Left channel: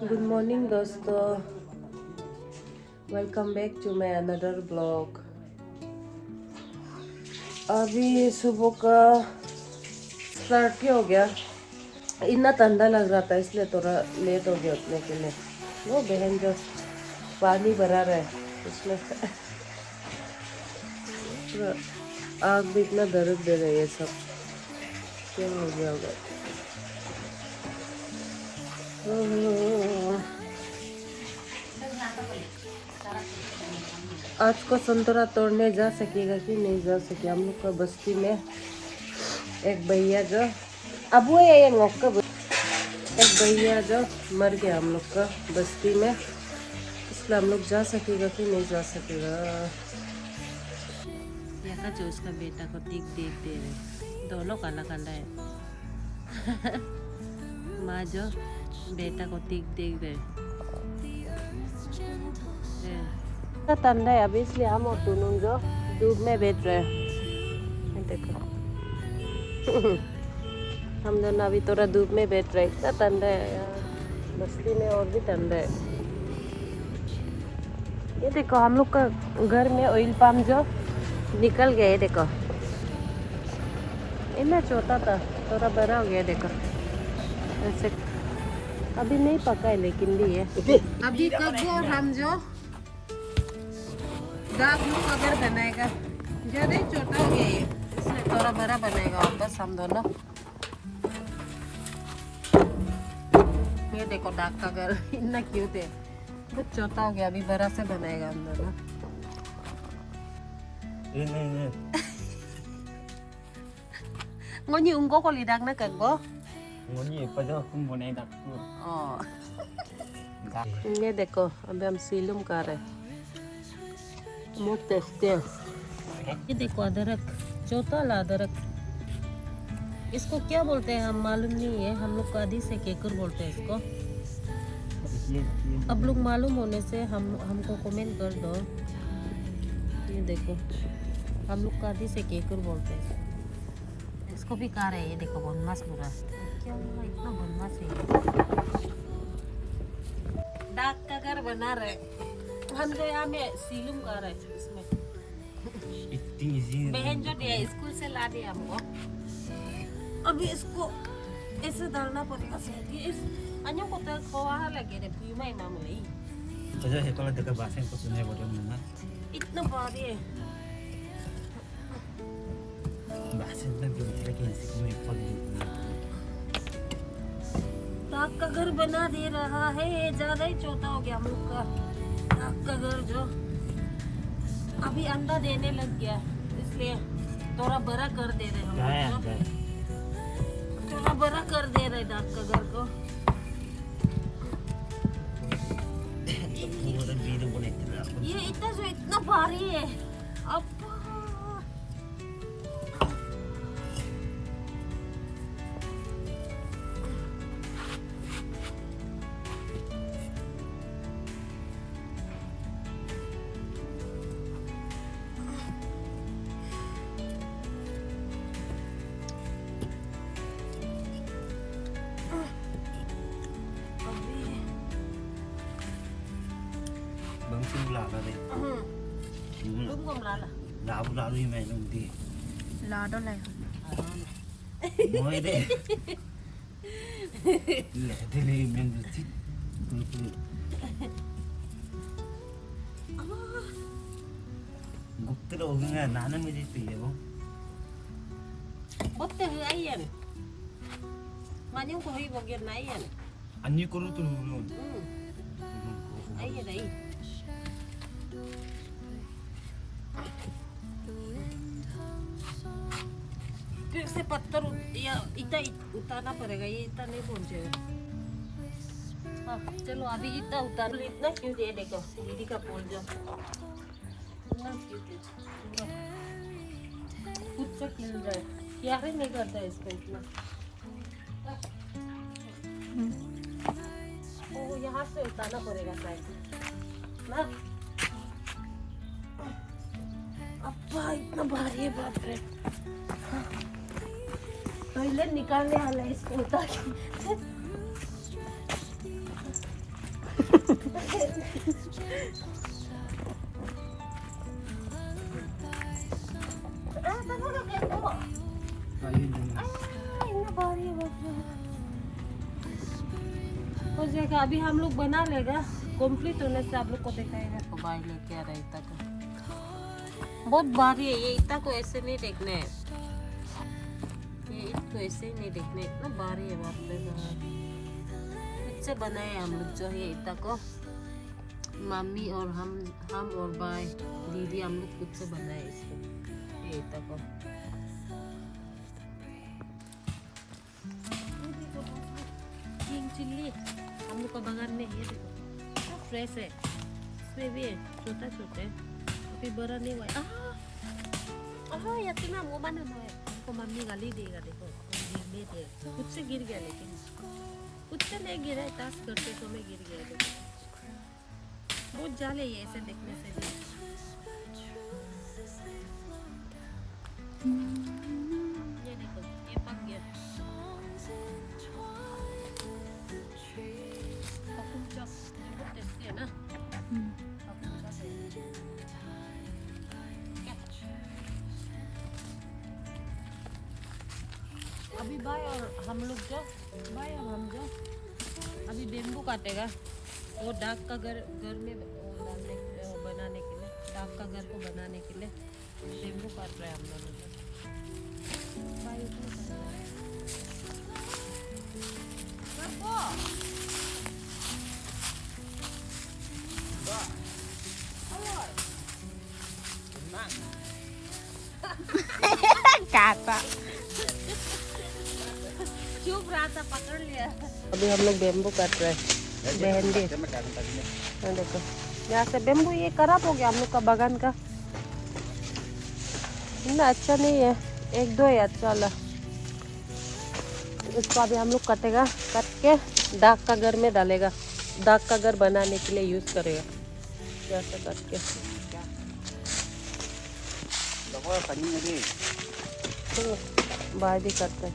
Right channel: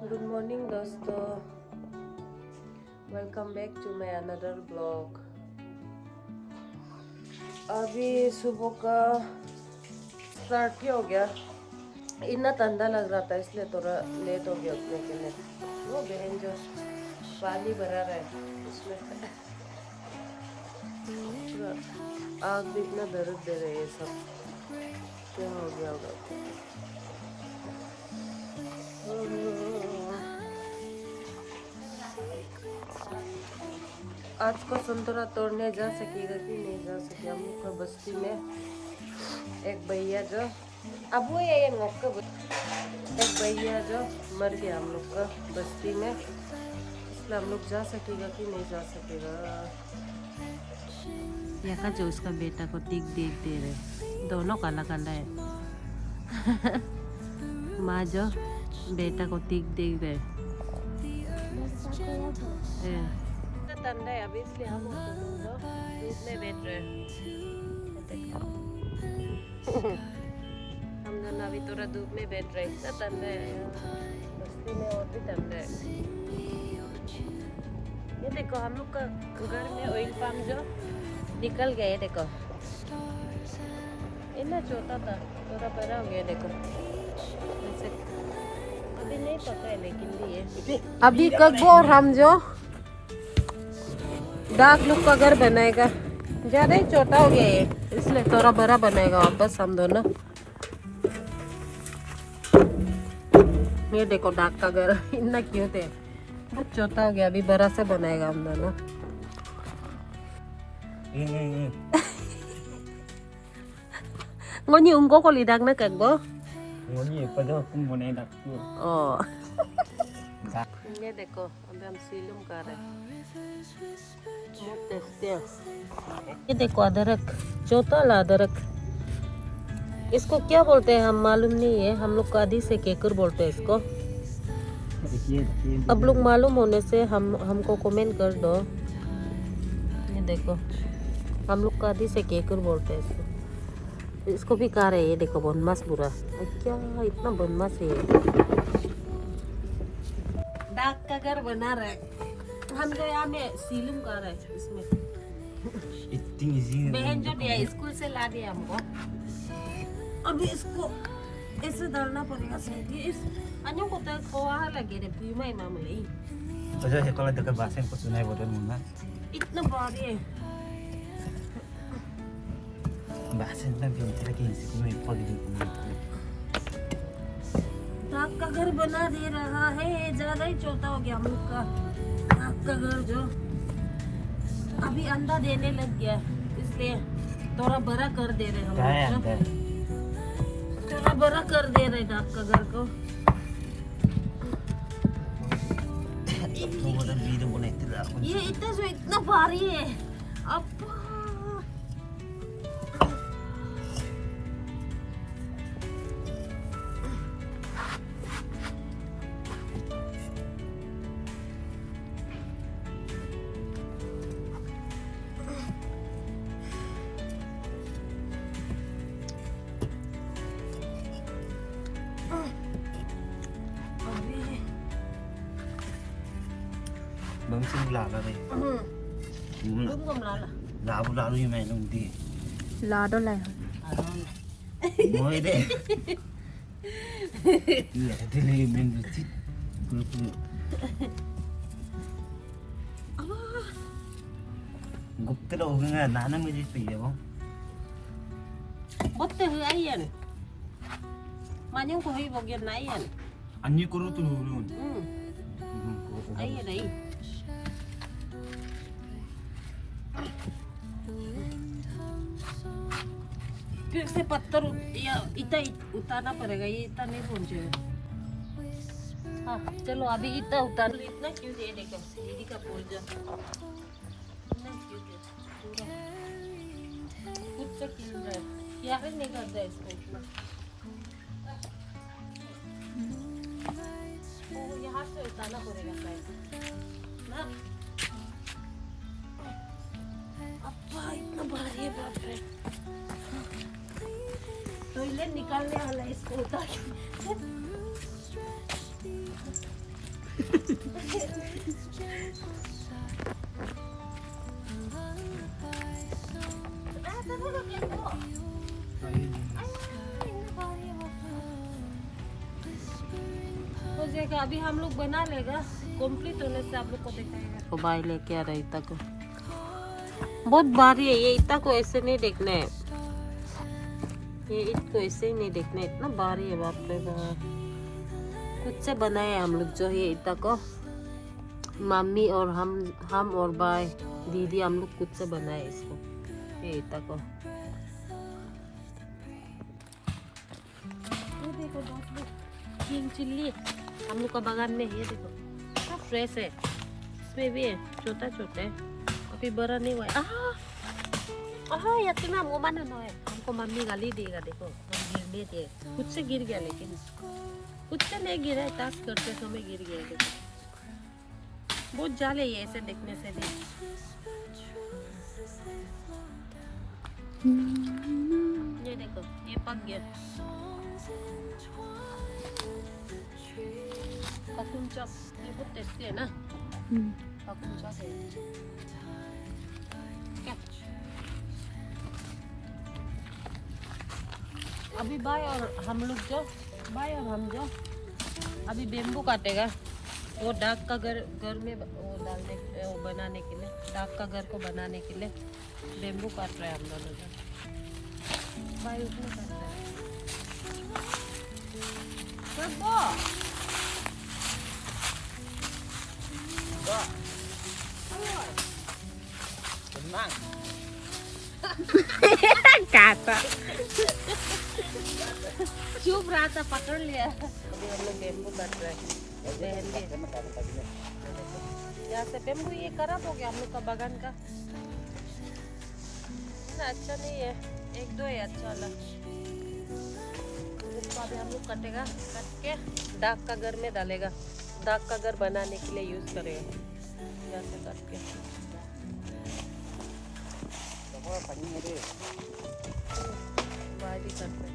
Good morning दोस्तों, welcome back to my another blog. अभी सुबह का स्टार्ट ही हो गया। इतना ठंडा लग रहा था इसलिए थोड़ा लेट हो गया उठने के लिए। वो बहन जो पानी भरा रहा है उसमें पूरा आग भी इतना दर्द दे रहा है। ये सब क्या हो गया होगा। आज को संतरा तोड़ने जा सकेगा कि नहीं जा सके। हम लोग का बस्ती में एक भैया जो अब वो ये एक भैया जो मर गया हम लोग का बस्ती में, इसलिए हम लोग जा सकेगा कि नहीं जा सकेगा। यहाँ जो उसका बेटा को टिक देख दे रहे, दोनों काला काला है। माँ जो बेटा को टिक देख रहे ठंडा है अभी, इसलिए हम और दोनों जो धूप में बैठ रहे हैं। देखो हम दोनों अभी थोड़ा धूप में बैठ रहे। इतना ठंडा है यार, बस्ती में और भी ठंडा है। ये देखो हम लोग का घर में ऑयल पंप जो निकल गया है। देखो इतना छोटा था, थोड़ा बड़ा हो गया। देखो ऐसे अभी नहीं पका है लेकिन भी है। अभी कब और हम जो डाक लोग का घर बनाएगा, ज्यादा ही छोटा हो गया है इसलिए थोड़ा बड़ा बनाएगा वापस हम दोनों। ये देखो डाक का घर इतना क्यूट है, बहुत छोटा हो गया, अभी बड़ा से बनाएगा हम दोनों। Ngon như có lì đằng nó cần bố. Ngon như pada aku mau naik dapur. Oh. ये देखो अभी हम सीलूम कर रहे हैं। बहुत टेस्टी है। ये देखो अदरक, छोटा ला अदरक। इसको क्या बोलते हैं हम मालूम नहीं है। हम लोग कादी से केकर बोलते हैं इसको। अब लोग मालूम होने से हमको कमेंट कर दो। ये देखो हम लोग कादी से केकर बोलते हैं इसको। इसको भी खा रहे हैं। ये देखो बनमास पूरा, क्या इतना बनमास है। डाक का घर बना रहे हम जो यहाँ में सीलूम कर रहे हैं इसमें। बहन जो दिया स्कूल से ला दिया हमको। अभी इसको ऐसे डालना पड़ेगा शायद। ये इस अन्यों को तो कोहा लगे रे पुई माई मामले। तो जो है kalau dekat basen ko tunai bodoh mana. इतना भारी है। Basen na din lagi si kumay pag. डाक का घर बना दे रहा है, ज्यादा ही छोटा हो गया हम लोग का डाक का घर जो अभी अंडा देने लग गया, इसलिए थोड़ा बड़ा कर दे रहे हम लोग। थोड़ा बड़ा कर दे रहे डाक का घर को। ये इतना जो इतना भारी है अब। Bang sing lala deh. Đúng không là Labu yang main nung di. là đó là Moi deh. Iya, dia lagi main di. Gupta đâu nga nana mới đi tỉ không? bớt từ ấy vậy mà những cô hy vọng việc này vậy. Anh như cô tu luôn. ấy vậy đấy. फिर से पत्थर या इतना उतारना पड़ेगा, ये इतना नहीं पहुंचेगा। हाँ चलो अभी इतना उतार लो। इतना क्यों ये देखो दीदी का पोल जो इतना क्यों खुद से खिल जाए, यार ही नहीं करता इसको इतना। ओ यहाँ से उतारना पड़ेगा शायद ना। अब्बा इतना भारी है बाप रे। टॉयलेट निकालने वाला है इसको उतार के। जाएगा। अभी हम लोग बना लेगा, कंप्लीट होने से आप लोग को दिखाएगा। तो भाई लेके आ रहा है इतना को, बहुत भारी है ये। इतना को ऐसे नहीं देखना है, ये ईट को ऐसे ही नहीं देखना है, इतना भारी है। बाप रे बाप, खुद से बनाए हम लोग जो ये इतना को, मम्मी और हम और भाई दीदी हम लोग खुद से बनाए इसको, ये इतना को। ये देखो दोस्तों, किंग चिल्ली हम लोग का बागान में, ये देखो कितना फ्रेश है। इसमें भी है, छोटा छोटा है, अभी बड़ा नहीं हुआ है। या इतना मोमा ना है, हमको मम्मी गाली देगा। देखो हम गिरने थे, खुद से गिर गया, लेकिन खुद से नहीं गिरा है, टास्क करते समय गिर गया। देखो बहुत जाले ये, ऐसे देखने से भी। ये देखो ये पक गया। पकुम चॉप ये बहुत टेस्टी है ना। पकुम चॉप है क्या? अभी भाई और हम जो अभी बेम्बू काटेगा, वो डाक का घर में वो डालने, वो बनाने के लिए, डाक का घर को बनाने के लिए बेम्बू काट रहे हैं हम दोनों जो। भाई उसमें काट रहे हैं। काटा चुप रहा था, पकड़ लिया। अभी हम लोग बेम्बू काट रहे हैं, मेहंदी। देखो यहाँ से बेम्बू ये खराब हो गया हम लोग का बागान का, ना अच्छा नहीं है, एक दो है अच्छा वाला। इसको अभी हम लोग काटेगा, काट के डाक का घर में डालेगा, डाक का घर बनाने के लिए यूज करेगा। जैसे काट के भाई भी करते हैं।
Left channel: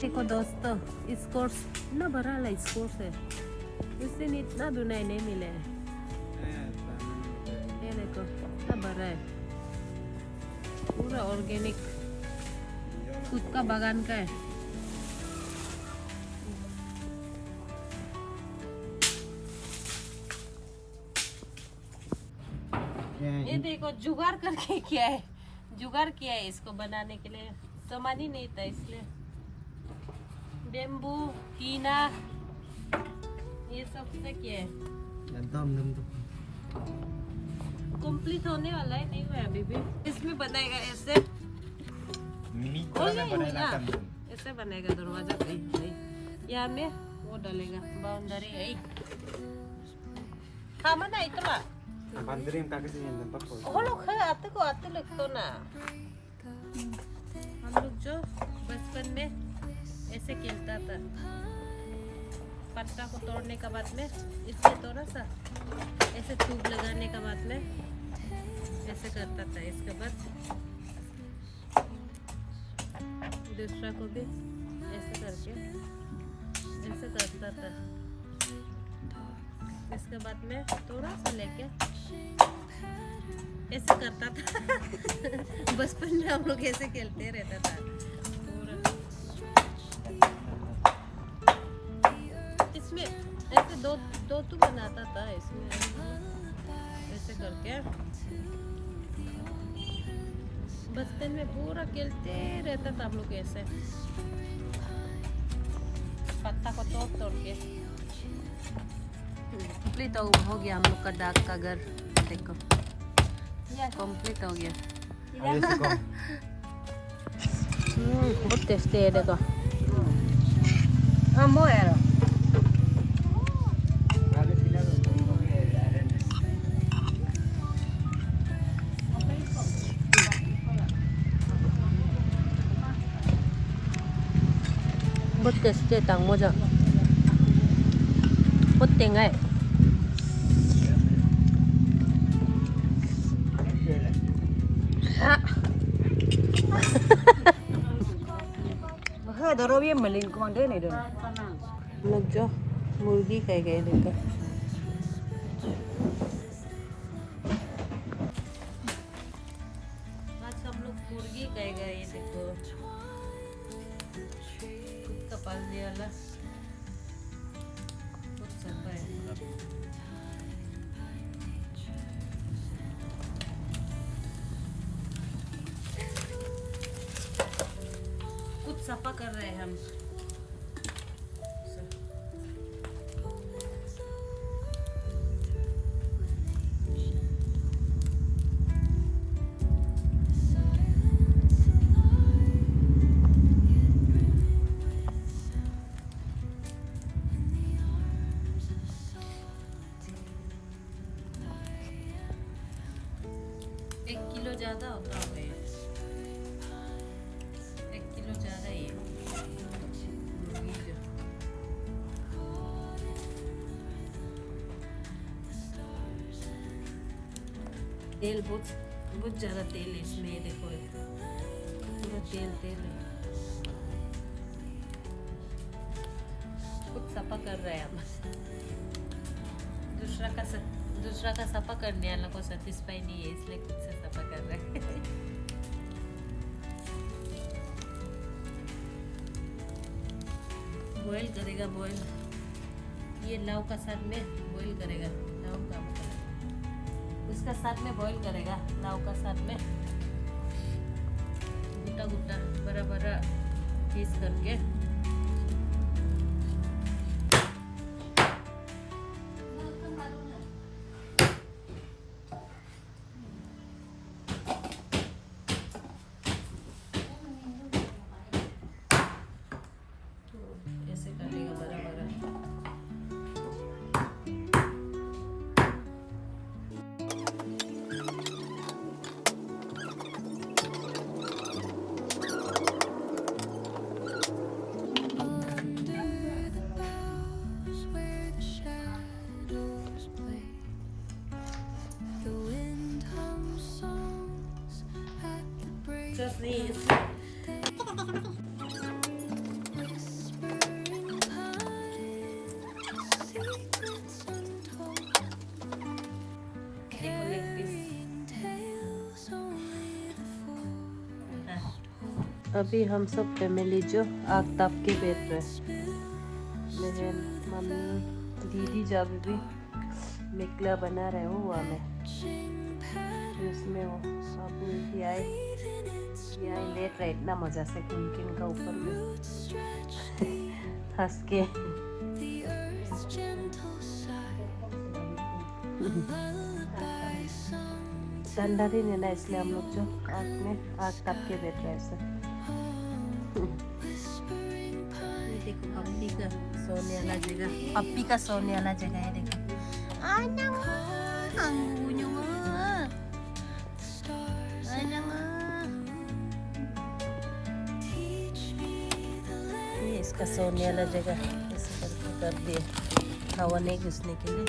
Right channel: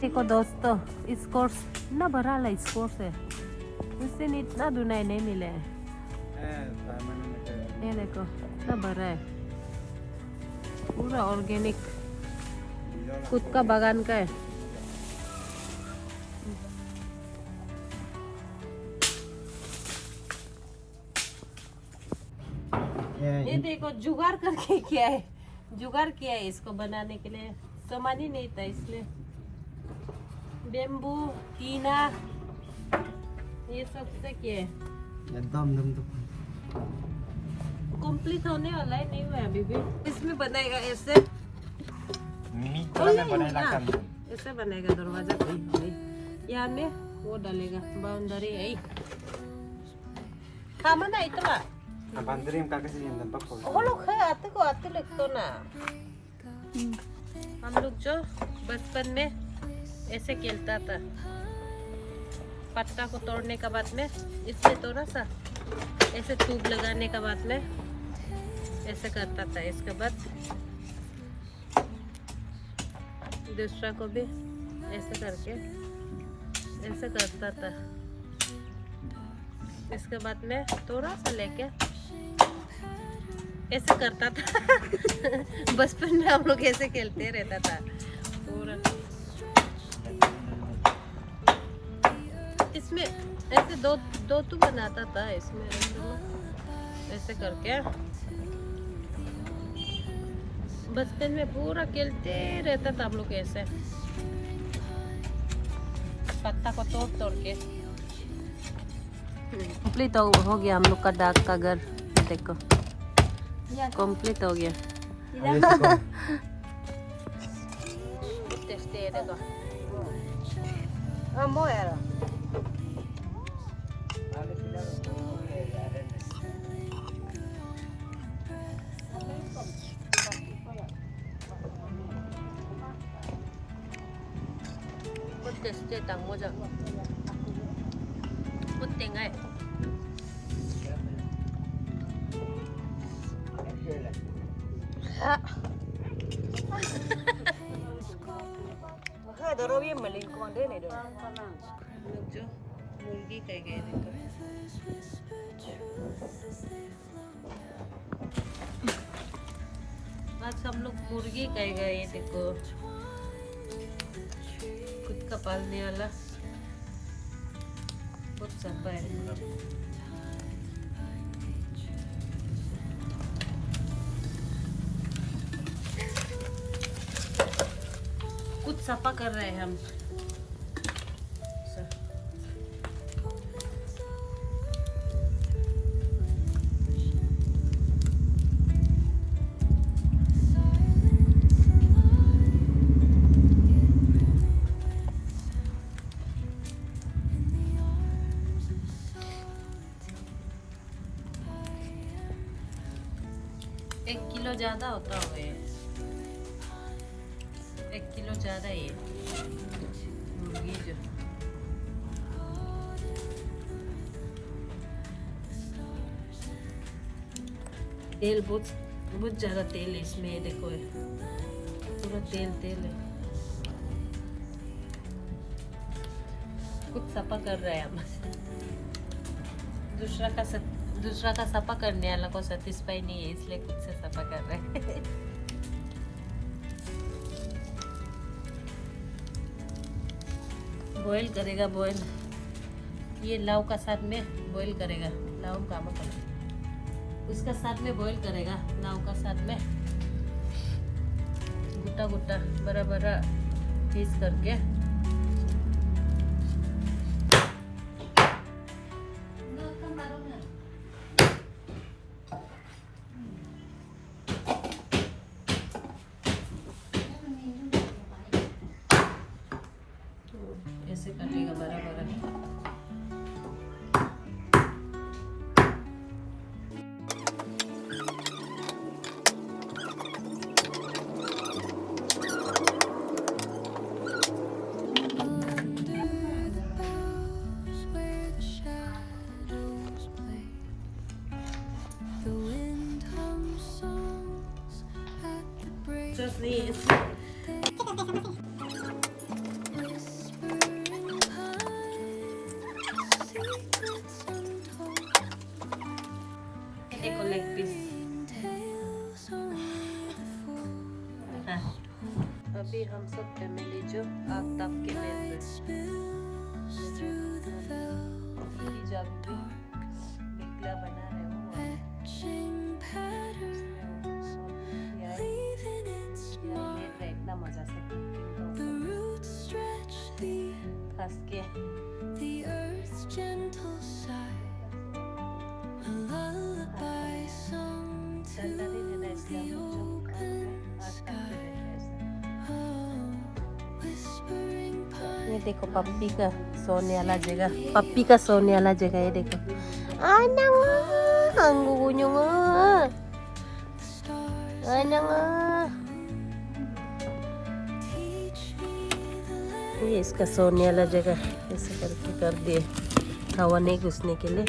देखो दोस्तों, इस कोर्स ना भरा ला, इस कोर्स है, इससे इतना दुनाई नहीं मिले है। ये देखो ना भरा है, पूरा ऑर्गेनिक, खुद का बागान का है। ये देखो जुगाड़ करके किया है, जुगाड़ किया है इसको बनाने के लिए, सामान ही नहीं था इसलिए। बेम्बू, टीना, ये सब से किया है। कंप्लीट होने वाला है, नहीं हुआ अभी भी। इसमें बनाएगा ऐसे, ऐसे बनेगा दरवाजा। यहाँ में वो डालेगा, बाउंड्री है। खामा ना इतना आते लगता ना। हम लोग जो बचपन में ऐसे खेलता था, पत्ता को तोड़ने के बाद में इससे थोड़ा सा ऐसे ट्यूब लगाने के बाद में ऐसे करता था। इसके बाद दूसरा को भी ऐसे करके ऐसे करता था। इसके बाद में थोड़ा सा लेके ऐसे करता था। बचपन में हम लोग ऐसे खेलते रहता था पूरा। इसमें ऐसे दो तो बनाता था, इसमें ऐसे करके बचपन में पूरा खेलते रहता था हम लोग ऐसे, पत्ता को तोड़ के। कंप्लीट हो गया हम लोग का डाक का घर। देखो कंप्लीट हो गया। बहुत टेस्टी है। देखो हम वो यार बहुत टेस्टी है। tang mo dyan puting nga eh. Daro bien malin ko mandun eh dun. लोग जो मुर्गी कह गए देखो। आज हम लोग मुर्गी कह गए देखो। का पालने वाला बहुत सफा है। कुछ सफा कर रहे हैं हम। एक किलो ज्यादा होता होगा ये, 1 किलो ज्यादा ये मुर्गी जो। तेल बहुत ज्यादा तेल है इसमें, ये देखो ये पूरा तेल है। कुछ सफा कर रहे हैं हम। दूसरा का सफा करने वाला को सेटिस्फाई नहीं है, इसलिए खुद से सफा कर रहे हैं। बॉईल करेगा, बॉईल ये लाव का साथ में बॉईल करेगा। लाव का मतलब उसका साथ में बॉईल करेगा, लाव का साथ में गुट्टा गुट्टा बड़ा बड़ा पीस करके। ऐसे काटेगा बड़ा बड़ा। Just these. देखो लेग पीस। अभी हम सब फैमिली जो आग ताप के बैठ रहे हैं। दीदी जब भी मिकला बना रहे हो वहाँ में उसमें वो अभी आई देख रहे इतना मजा से पुम्किन का ऊपर हंस के। ठंडा दिन है ना, इसलिए हम लोग जो आग ताप के बैठ रहे हैं। ये देखो पप्पी का सोने वाला जगह, पप्पी का सोने वाला जगह है। देखो ये इसका सोने वाला जगह ऐसे करके कर दिए हवा नहीं घुसने के लिए।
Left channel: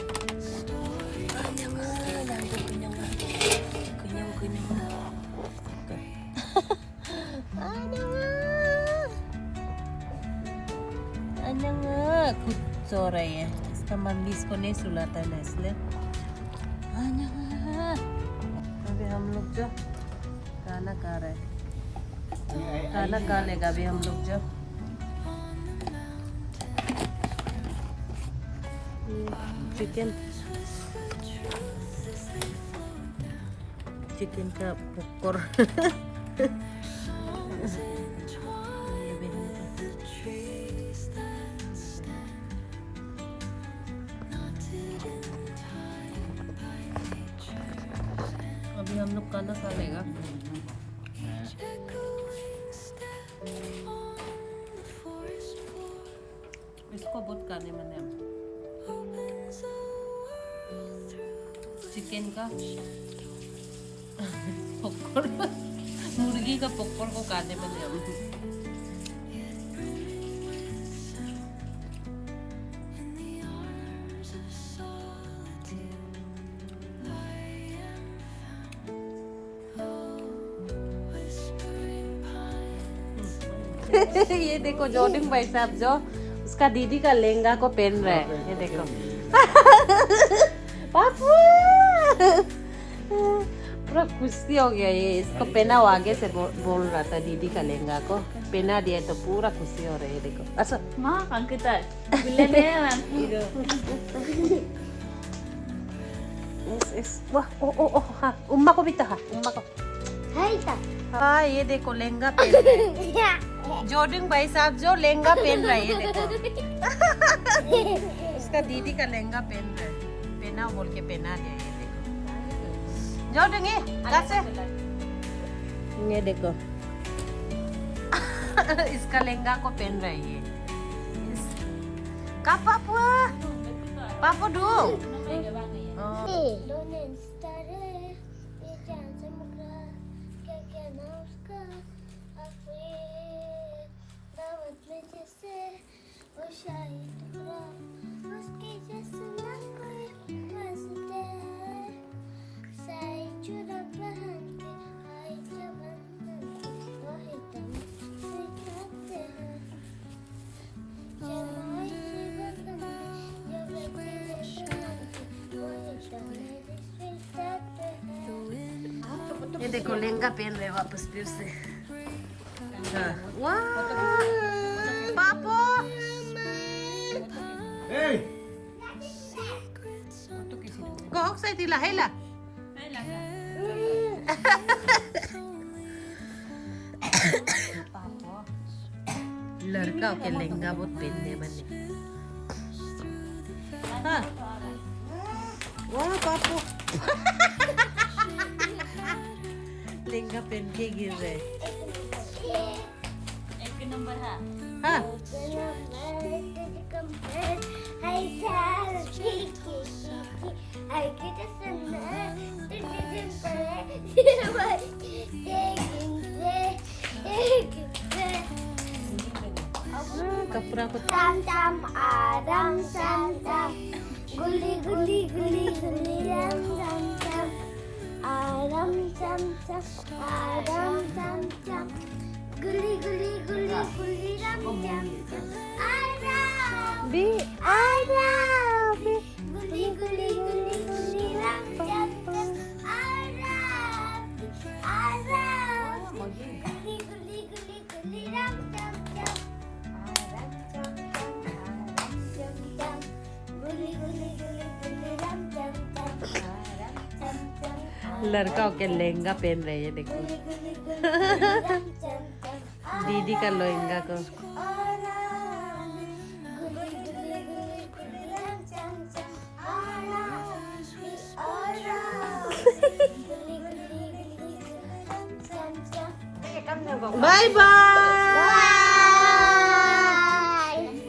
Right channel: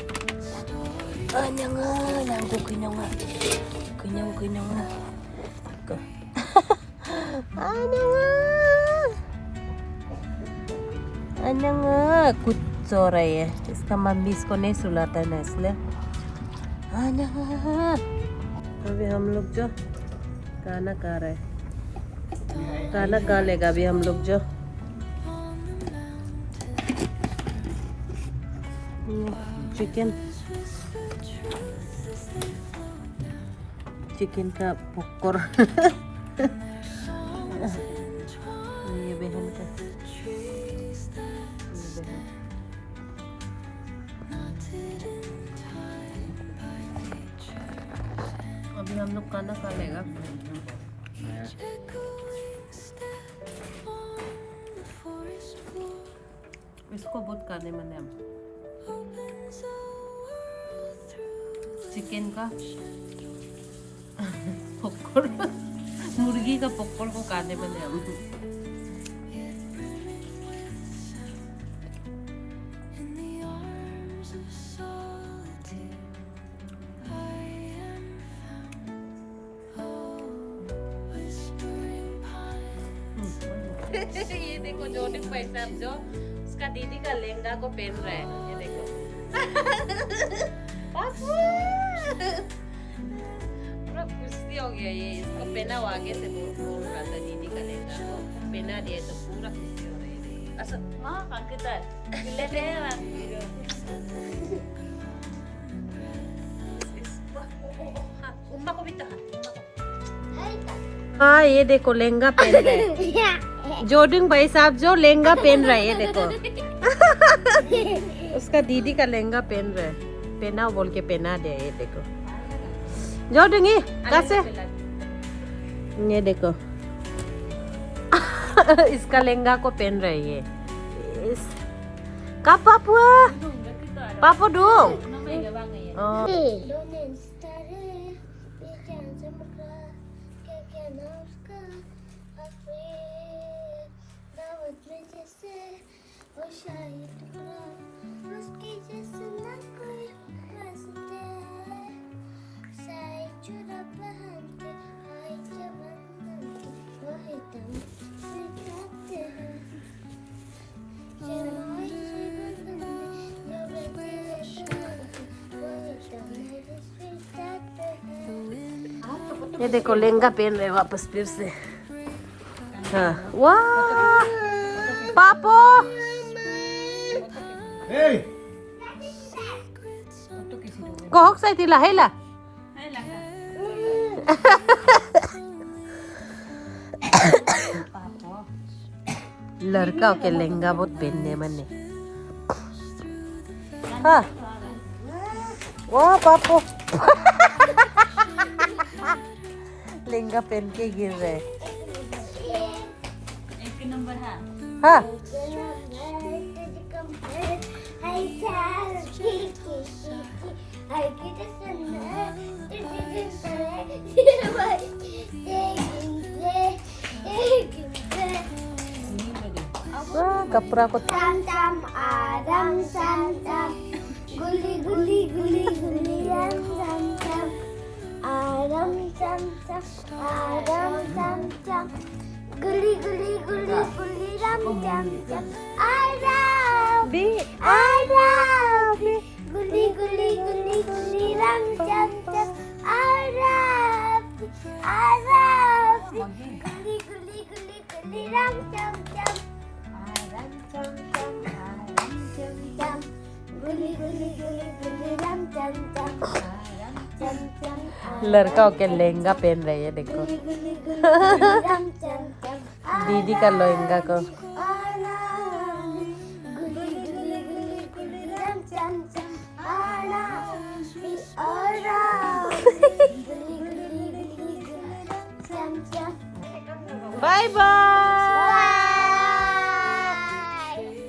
कुछ सो रही है, इसका मम्मी इसको नहीं सुलाता है ना, इसलिए। अभी हम लोग जो खाना खा रहे हैं, खाना खा लेगा अभी हम लोग जो। चिकन का पॉपकॉर्न। ये बहन का अभी हम लोग खाना खा लेगा। इसको बहुत खाने मन है। चिकन का पॉपकॉर्न, मुर्गी का पॉपकॉर्न को खाने मन है हम। ये देखो जॉर्डिन भाई साहब जो उसका दीदी का लहंगा को पहन रहा है, ये देखो। पापू पूरा खुशी हो गया, ये इसको पहना वो आगे से बोल रहा था दीदी का लहंगा को। पहना दिया तो पूरा खुशी हो रही है देखो अच्छा Mah, kan kita. Bilenean. वाह ओ हाँ उम्मा को भी तो हाँ उम्मा को हाँ ये देखो लहंगा पहन रहा है जोडिंग भाई साहब जो लहंगा पहन रहा है ये देखो उसका दीदी का लहंगा पहन रहा है पहना बोल के पहना दिया ये देखो जोडिंग कैसे ये देखो इसका लहंगा को पहन रहा है ये कब पापा पापा दो ये देखो लहंगा पहन रहे वापस फिर से हाँ वाह पापो kohok sa itila hela लड़का के लहंगा बहुत पहनने मने हाँ वाह पापो लहंगा पहन के गिर रहे एक नंबर है हाँ कपड़ा को Tam tam adam tam tam guli guli guli guli tam tam tam adam tam tam adam tam tam guli guli guli guli tam tam tam adam guli guli guli guli tam tam tam adam guli guli guli guli tam tam tam लड़का के लहंगा पहन रही है देखो दीदी का लहंगा को bye bye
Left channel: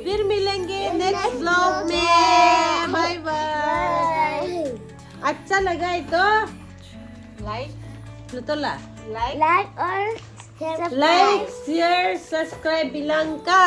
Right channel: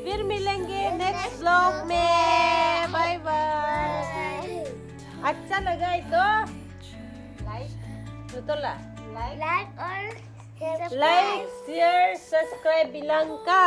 फिर मिलेंगे नेक्स्ट ब्लॉग में बाय बाय अच्छा लगा है तो लाइक like और लाइक शेयर सब्सक्राइब बिलंका